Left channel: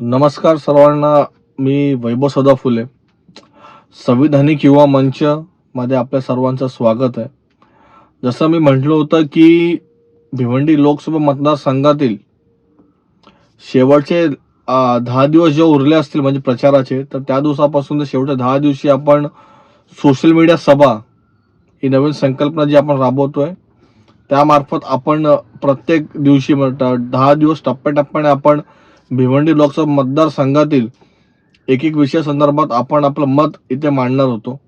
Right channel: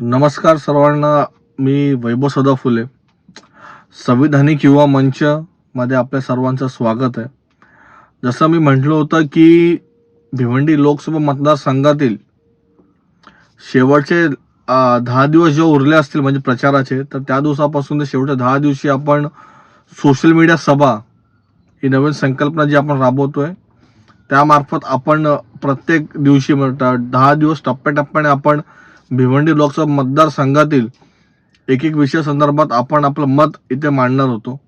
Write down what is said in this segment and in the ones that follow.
नमस्कार सर्वांना मी वैभव सदा फुले संविधानिक युवा मंच मध्ये आपल्या सर्वांचं स्वागत आहे. जसं मी म्हटलं होतं की भिवंडी लोकसभा मतदारसंघातील शेवटचे दहा दिवस जे उरले असतील म्हणजे प्रचाराचे तर त्या दिवसापासून ते शेवटच्या दहा दिवशी आपण सोशल मीडिया सभा ही नवीन संकल्पना जी आपण राबवतोय त्यामार्फत आपण प्रत्येक दिवशी म्हणतात दहा दिवस टप्प्याटप्प्याने आपण भिवंडी लोकसभा मतदारसंघातील एक एक विषय संदर्भात आपण आपलं मत इथे मांडणार होतो.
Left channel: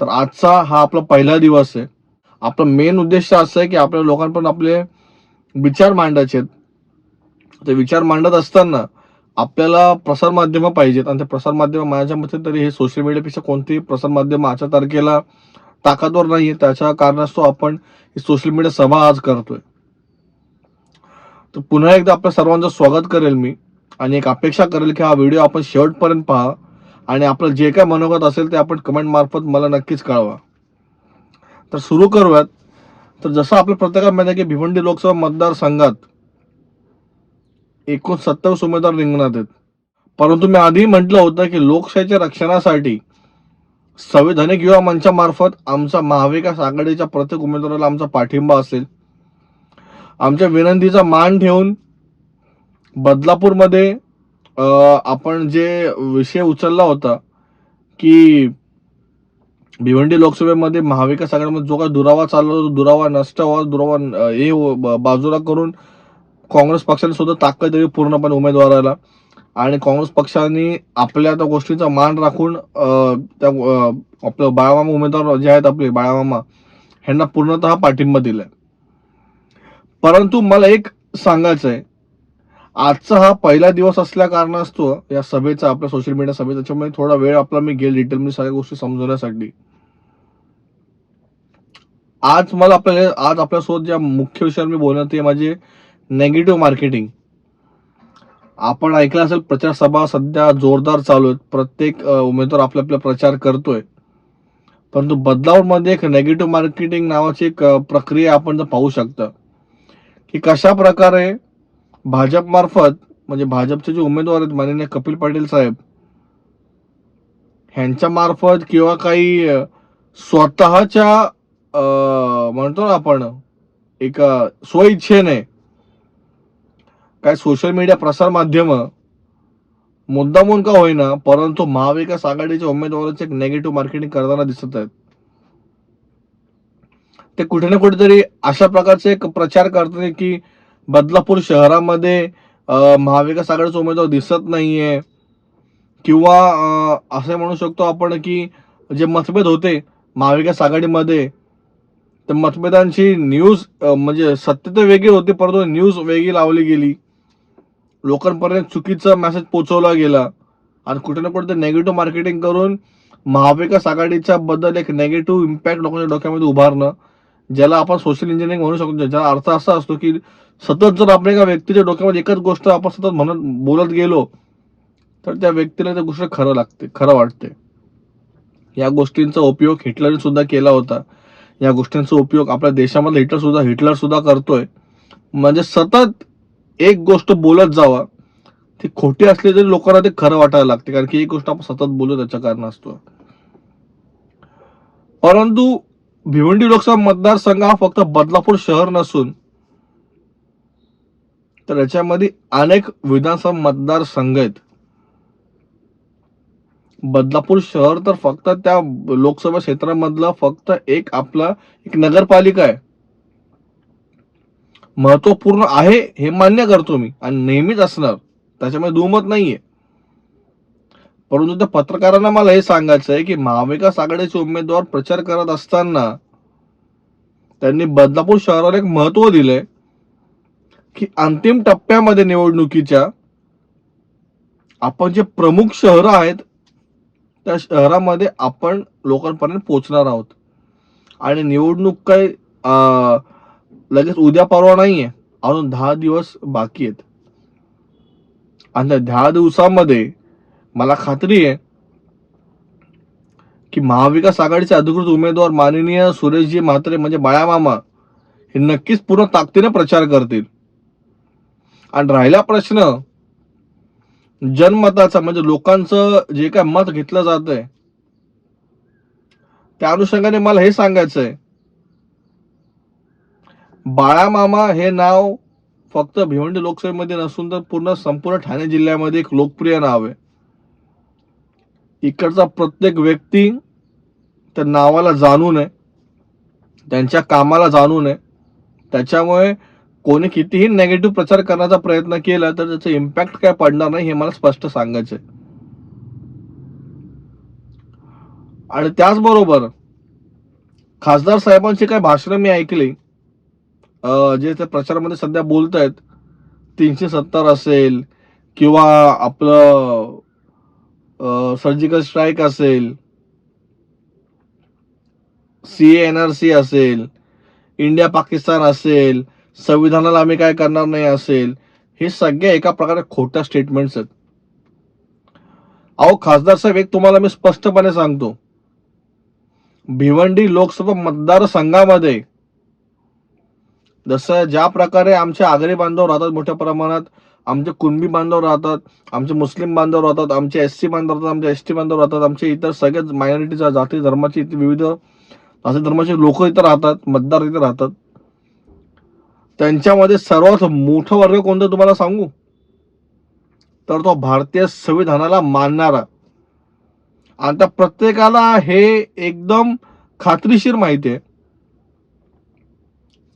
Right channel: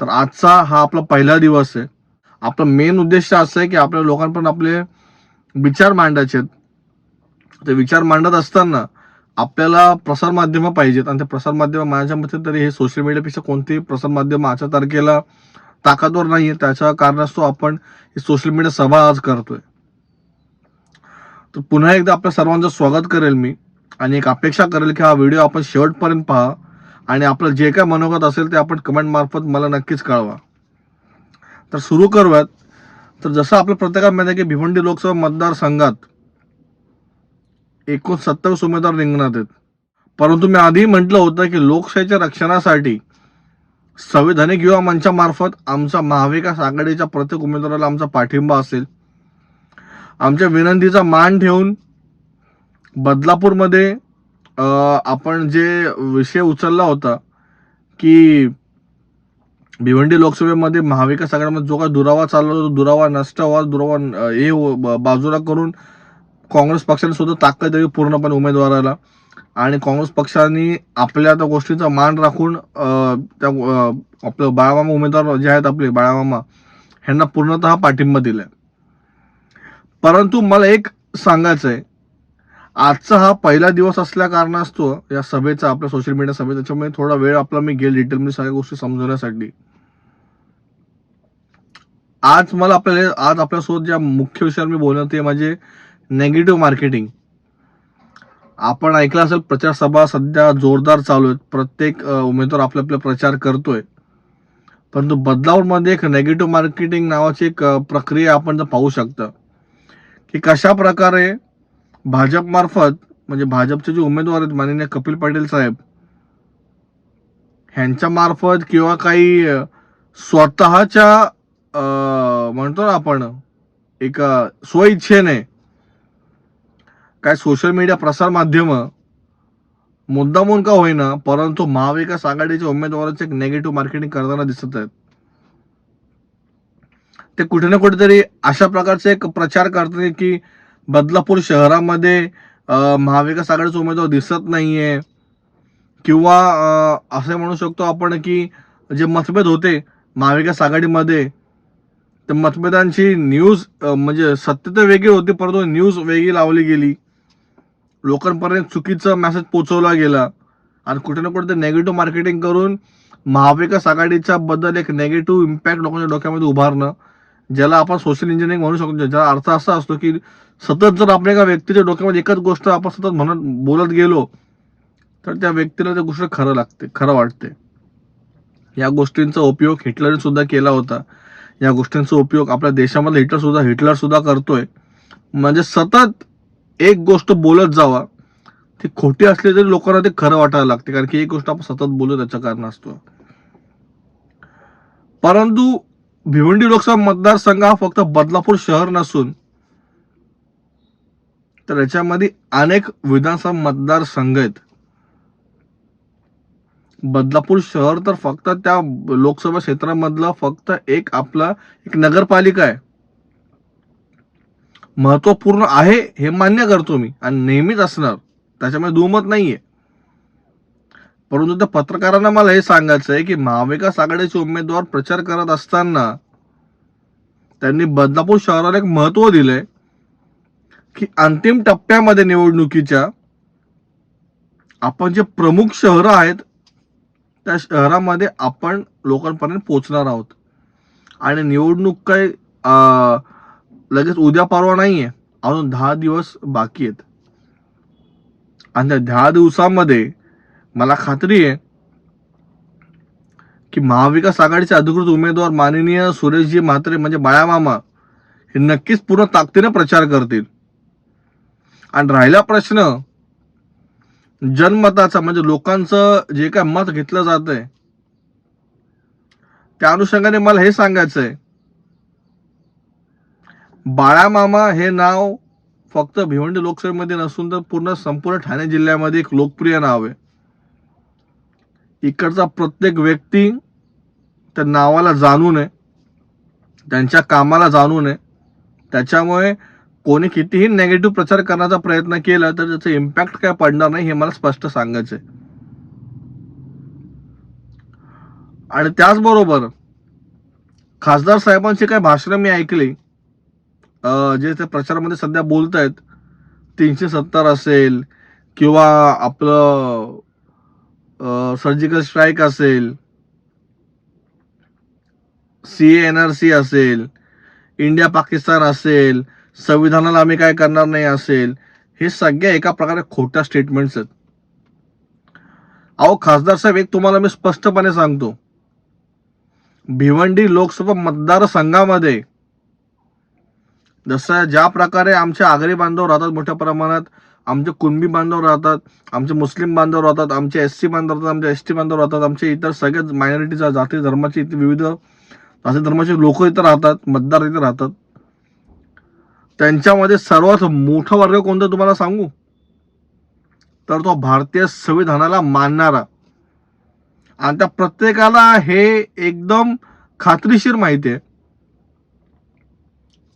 तर आजचा हा आपला पहिला दिवस आहे. आपला मेन उद्देश असं आहे की आपल्या लोकांपर्यंत आपले विचार मांडायचे आहेत. ते विचार मांडत असताना आपल्याला प्रसारमाध्यमं पाहिजेत आणि ते प्रसारमाध्यमं माझ्या मते तरी हे सोशल मीडियापेक्षा कोणतेही प्रसारमाध्यम आजच्या तारखेला ताकदवर नाही आहे त्याच्या कारणास्तव आपण ही सोशल मीडिया सभा आज करतोय. तर पुन्हा एकदा आपल्या सर्वांचं स्वागत करेल मी आणि एक अपेक्षा करेल की हा व्हिडिओ आपण शेवटपर्यंत पहा आणि आपलं जे काय मनोगत असेल ते आपण कमेंट मार्फत मला नक्कीच कळवा. तर सुरू करूयात. तर जसं आपल्या प्रत्येकात माहिती आहे की भिवंडी लोकसभा मतदारसंघात एकूण सत्तावीस उमेदवार रिंगणात आहेत. परंतु मी आधी म्हटलं होतं की लोकशाहीच्या रक्षणासाठी संविधानिक युवा मंचामार्फत आमचा महाविकास आघाडीच्या प्रत्येक उमेदवाराला आमचा पाठिंबा असेल. आमच्या विनंतीचा मान ठेवून बदलापूरमध्ये आपण जे विषय उचलला होता की भिवंडी लोकसभेमध्ये महाविकास आघाडीमध्ये जो काही दुरावा चालला होता दुरावा नष्ट व्हावा दुरावा हे बाजूला करून काँग्रेस पक्षाने सुद्धा ताकद द्यावी पूर्णपणे उमेदवाराला. आणि काँग्रेस पक्षाने आपल्या त्या गोष्टीचा मान राखून त्या आपलं बाळामामा उमेदवार जे आहेत आपले बाळामामा ह्यांना पूर्णतः पाठिंबा दिलाय. परंतु मला एक सांगायचं आहे आजचा हा पहिला दिवस असल्या कारणास्तव या सभेचा आपल्या सोशल मीडिया सभेचा त्याच्यामुळे थोडा वेळ आपला मी घेईल डिटेलमध्ये सगळ्या गोष्टी समजवण्यासाठी. आज मला आपल्याला आज आपल्यासोबत ज्या मुख्य विषयावर मी बोलणार ते माझे नेगेटिव्ह मार्केटिंग आपण ऐकलं असेल प्रचार सभा सध्या जोरदार चालू आहेत. प्रत्येक उमेदवार आपला आपला प्रचार करतोय. परंतु बदलावमध्ये एक नेगेटिव्ह मार्केटिंग नावाची एक प्रक्रिया आपण जर पाहू शकतं. की कशा प्रकारे भाजपमार्फत म्हणजे भाजपचे जे उमेदवार आहेत माननीय कपिल पाटील साहेब ह्यांच्या मार्फत किंवा काही स्वतःच्या म्हणतो ना आपण एक स्वइच्छेने काय सोशल मीडिया प्रसार माध्यम मुद्दामून का होईना परंतु महाविकास आघाडीच्या उमेदवाराचे एक नेगेटिव्ह मार्केटिंग करताना दिसत आहेत. ते कुठे ना कुठेतरी अशा प्रकारचे एक प्रचार करतात की बदलापूर शहरामध्ये महाविकास आघाडीचा उमेदवार दिसत नाहीये. किंवा असे असं म्हणू शकतो आपण की जे मतभेद होते महाविकास आघाडीमध्ये त्या मतभेदांची न्यूज म्हणजे सत्य तर वेगळी होती परंतु न्यूज वेगळी लावली गेली. लोकांपर्यंत चुकीचा मेसेज पोचवला गेला. आणि कुठे ना कुठे नेगेटिव्ह मार्केटिंग करून महाविकास आघाडीच्या बद्दल एक नेगेटिव्ह इम्पॅक्ट लोकांच्या डोक्यामध्ये उभारणं ज्याला आपण सोशल इंजिनिअरिंग म्हणू शकतो ज्याचा अर्थ असा असतो की सतत जर आपण एका व्यक्तीच्या डोक्यामध्ये एकच गोष्ट आपण सतत म्हणत बोलत गेलो तर त्या व्यक्तीला त्या गोष्ट खरं लागते खरं वाटते. या गोष्टींचा उपयोग हिटलरने सुद्धा केला होता. या गोष्टींचा उपयोग आपल्या देशामध्ये हिटलर सुद्धा हिटलर सुद्धा करतोय. म्हणजे सतत एक गोष्ट बोलत जावा ती खोटी असली तरी लोकांना ते खरं वाटायला लागते कारण की एक गोष्ट आपण सतत बोलू त्याच्या कारण असतो. परंतु भिवंडी लोकसभा मतदारसंघ हा फक्त बदलापूर शहर नसून तर याच्यामध्ये अनेक विधानसभा मतदारसंघ आहेत. बदलापूर शहर तर फक्त त्या लोकसभा क्षेत्रामधला फक्त एक आपला एक नगरपालिका आहे. महत्त्वपूर्ण आहे हे मान्य करतो मी आणि नेहमीच असणार. त्याच्यामध्ये दुमत नाहीये. परंतु त्या पत्रकारांना मला हे सांगायचं आहे की महाविकास आघाडीचे उमेदवार प्रचार करत असताना त्यांनी बदलापूर शहराला एक महत्त्व दिलंय की अंतिम टप्प्यामध्ये निवडणुकीच्या आपण जे प्रमुख शहरं आहेत त्या शहरामध्ये आपण लोकांपर्यंत पोहोचणार आहोत. आणि निवडणूक काय अं, लगेच उद्या परवा नाहीये अजून दहा दिवस बाकी आहेत. आणि त्या दहा दिवसामध्ये मला खात्री आहे की महाविकास आघाडीचे अधिकृत उमेदवार माननीय सुरेशजी म्हात्रे म्हणजे बाळामामा हे नक्कीच पूर्ण ताकदीने प्रचार करतील. आणि राहिला प्रश्न जनमताचा म्हणजे लोकांचं जे काय मत घेतलं जात आहे त्या अनुषंगाने मला हे सांगायचं आहे बाळामामा हे नाव फक्त भिवंडी लोकसभेमध्ये नसून तर पूर्ण संपूर्ण ठाणे जिल्ह्यामध्ये एक लोकप्रिय नाव आहे. इकडचा प्रत्येक व्यक्ती त्या नावाला जाणू नये त्यांच्या कामाला जाणू नये. त्याच्यामुळे कोणी कितीही नेगेटिव्ह प्रचार करण्याचा प्रयत्न केला तर त्याचा इम्पॅक्ट काय पडणार नाही हे मला स्पष्ट सांगायचं आहे आणि त्याचबरोबर खासदार साहेबांची काही भाषणं मी ऐकली. जे ते प्रचारामध्ये सध्या बोलत आहेत तीनशे सत्तर असेल किंवा आपलं सर्जिकल स्ट्राईक असेल सी एन आर सी असेल इंडिया पाकिस्तान असेल संविधानाला आम्ही काय करणार नाही असेल हे सगळे एका प्रकारे खोट्या स्टेटमेंट्स आहेत. अहो खासदार साहेब एक तुम्हाला मी स्पष्टपणे सांगतो. भिवंडी लोकसभा मतदारसंघामध्ये जसं ज्या प्रकारे आमचे आगरी बांधव राहतात मोठ्या प्रमाणात आमचे कुणबी बांधव राहतात आमचे मुस्लिम बांधव राहतात आमचे एस सी बांधव राहतात आमचे एस टी बांधव राहतात आमचे इतर सगळ्याच मायनॉरिटीचा जाती धर्माचे इथे विविध जाती धर्माचे लोक इथं राहतात मतदार इथे राहतात. त्यांच्यामध्ये सर्वात मोठा वर्ग कोणता तुम्हाला सांगू? तर तो भारतीय संविधानाला मानणारा. आणि त्या प्रत्येकाला हे एकदम खात्रीशीर माहिती आहे.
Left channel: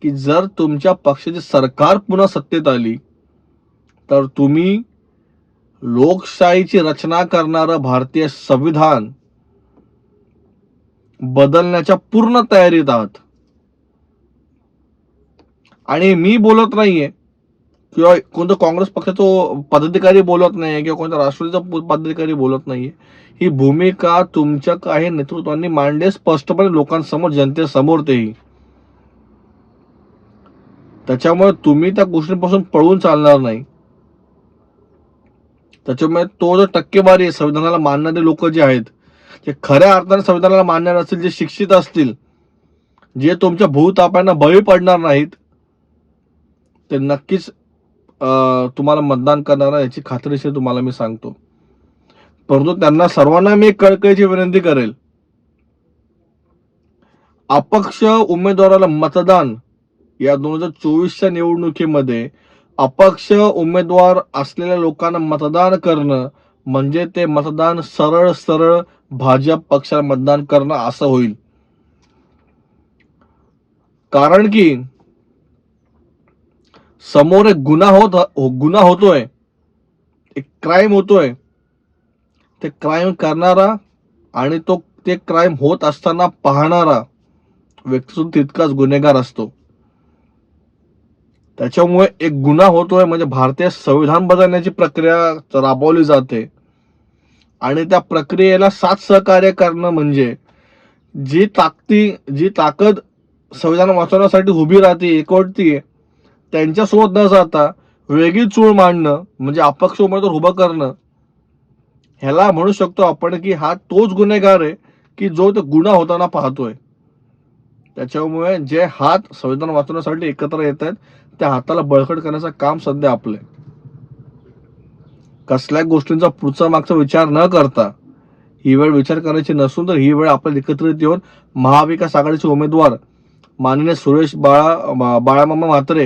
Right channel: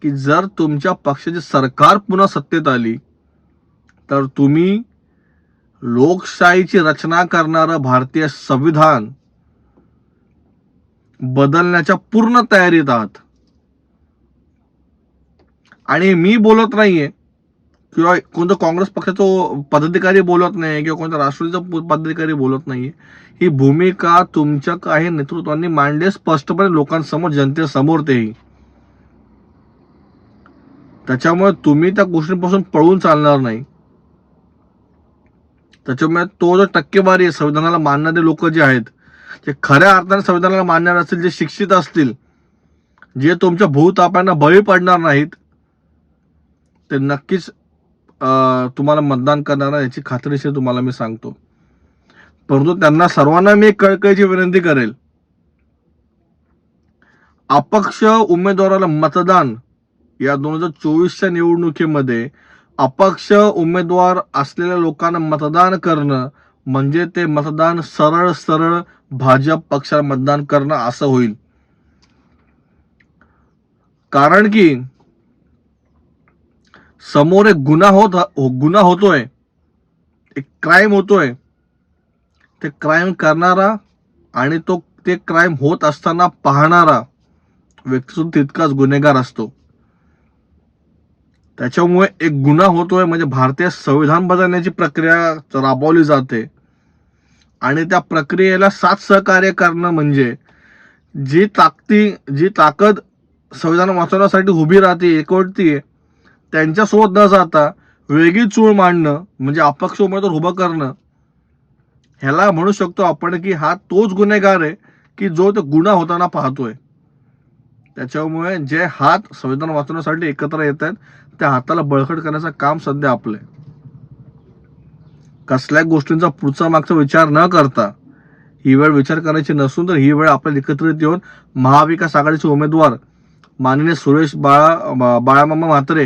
की जर तुमच्या पक्षाची सरकार पुन्हा सत्तेत आली तर तुम्ही लोकशाहीची रचना करणारं भारतीय संविधान बदलण्याच्या पूर्ण तयारीत आहात. आणि मी बोलत नाहीये किंवा कोणतं काँग्रेस पक्षाचा पदाधिकारी बोलत नाही किंवा कोणत्या राष्ट्रवादीचा पदाधिकारी बोलत नाहीये. ही भूमिका तुमच्या काही नेतृत्वांनी मांडले स्पष्टपणे लोकांसमोर जनतेसमोर तेही. त्याच्यामुळे तुम्ही त्या गोष्टींपासून पळून चालणार नाही. त्याच्यामुळे तो जो टक्केवारी आहे संविधानाला मानणारे लोक जे आहेत जे खऱ्या अर्थाने संविधानाला मानणारे असतील जे शिक्षित असतील जे तुमच्या भूतापांना बळी पडणार नाहीत ते नक्कीच तुम्हाला मतदान करणार याची खात्रीशीर तुम्हाला मी सांगतो. परंतु त्यांना सर्वांना मी कळकळीची विनंती करेल. अपक्ष उमेदवाराला मतदान या दोन हजार चोवीसच्या निवडणुकीमध्ये अपक्ष उमेदवार असलेल्या लोकांना मतदान करणं म्हणजे ते मतदान सरळ सरळ भाजप पक्षाला मतदान करणं असं होईल. कारण की समोर एक गुन्हा होत गुन्हा होतोय. एक क्राईम होतोय. ते क्राईम करणारा आणि तो ते क्राईम होत असताना पाहणारा व्यक्ती तितकाच गुन्हेगार असतो. त्याच्यामुळे एक गुन्हा होतोय म्हणजे भारतीय संविधान बदलण्याची प्रक्रिया राबवली जाते. आणि त्या प्रक्रियेला साथ सहकार्य करणं म्हणजे जी ताकदी जी ताकद संविधान वाचवण्यासाठी उभी राहते एकवटती त्यांच्यासोबत न जाता वेगळी चूळ मांडणं म्हणजे अपक्ष उमेदवार उभं करणं. ह्याला म्हणू शकतो आपण की हा तोच गुन्हेगार आहे की जो तो गुन्हा होताना पाहतोय. त्याच्यामुळे जे हात संविधान वाचवण्यासाठी एकत्र येत आहेत त्या हाताला बळकट करण्याचं काम सध्या आपलं कसल्या गोष्टींचा पुढचा मागचा विचार न करता ही वेळ विचार करायची नसून तर ही वेळ आपल्याला एकत्रित येऊन महाविकास आघाडीचे उमेदवार माननीय सुरेश बाळा बाळामामा म्हात्रे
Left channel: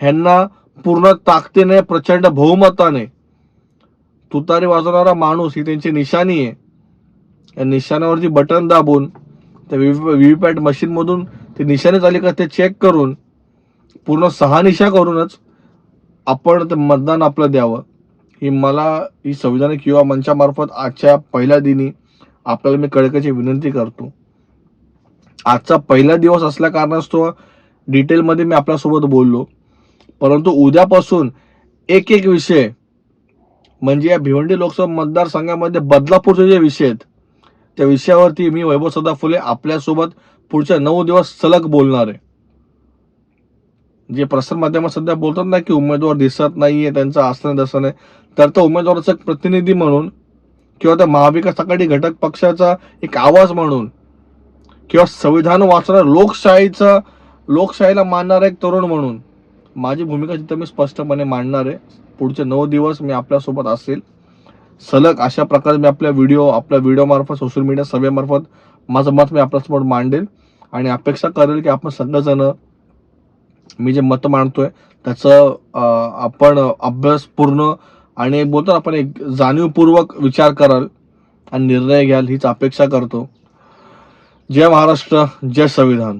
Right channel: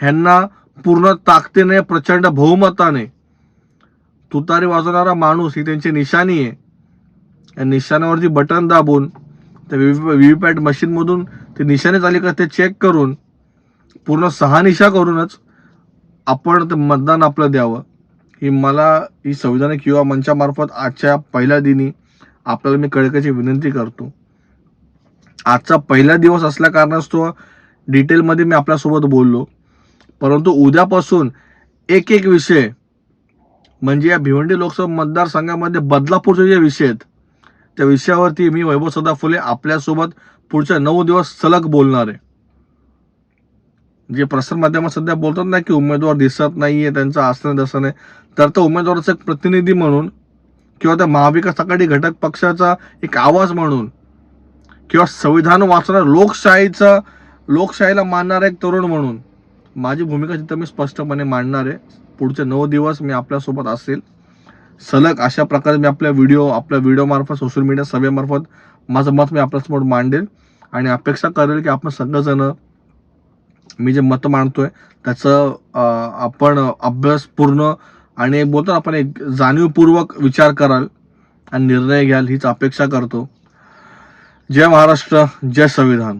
ह्यांना पूर्ण ताकदीने प्रचंड बहुमताने तुतारी वाजवणारा माणूस ही त्यांची निशाणी आहे. या निशाण्यावरती बटन दाबून त्या व्हीव्हीपॅट मशीनमधून ते निशाणे आले का ते चेक करून पूर्ण सहा निशा करूनच आपण ते मतदान आपलं द्यावं. ही मला ही संविधानिक युवा मंचामार्फत आजच्या पहिल्या दिनी आपल्याला मी कळकाची विनंती करतो. आजचा पहिला दिवस असल्या कारणास्तव डिटेलमध्ये मी आपल्यासोबत बोललो. परंतु उद्यापासून एक एक विषय म्हणजे या भिवंडी लोकसभा मतदारसंघामध्ये बदलापूरचे जे विषय आहेत त्या विषयावरती मी वैभव सदा फुले आपल्यासोबत पुढच्या नऊ दिवस सलग बोलणार आहे. जे प्रसारमाध्यमात सध्या बोलतात ना की उमेदवार दिसत नाहीये त्यांचं आसन दसन आहे. तर त्या उमेदवाराचा एक प्रतिनिधी म्हणून किंवा त्या महाविकास आघाडी घटक पक्षाचा एक आवाज म्हणून किंवा संविधान वाचणार लोकशाहीचा लोकशाहीला मानणारा एक तरुण म्हणून माझी भूमिका तिथं मी स्पष्टपणे मांडणार आहे पुढचे नऊ दिवस मी आपल्यासोबत असेल. सलग अशा प्रकारे मी आपल्या व्हिडिओ आपल्या व्हिडिओमार्फत सोशल मीडिया सभेमार्फत माझं मत मी आपल्यासमोर मांडेल. आणि अपेक्षा करेल की आपण सगळेजण मी जे मत मांडतोय त्याचं आपण अभ्यासपूर्ण आणि एक बोलतो ना आपण एक जाणीवपूर्वक विचार कराल आणि निर्णय घ्याल हीच अपेक्षा करतो. जय महाराष्ट्र जय संविधान.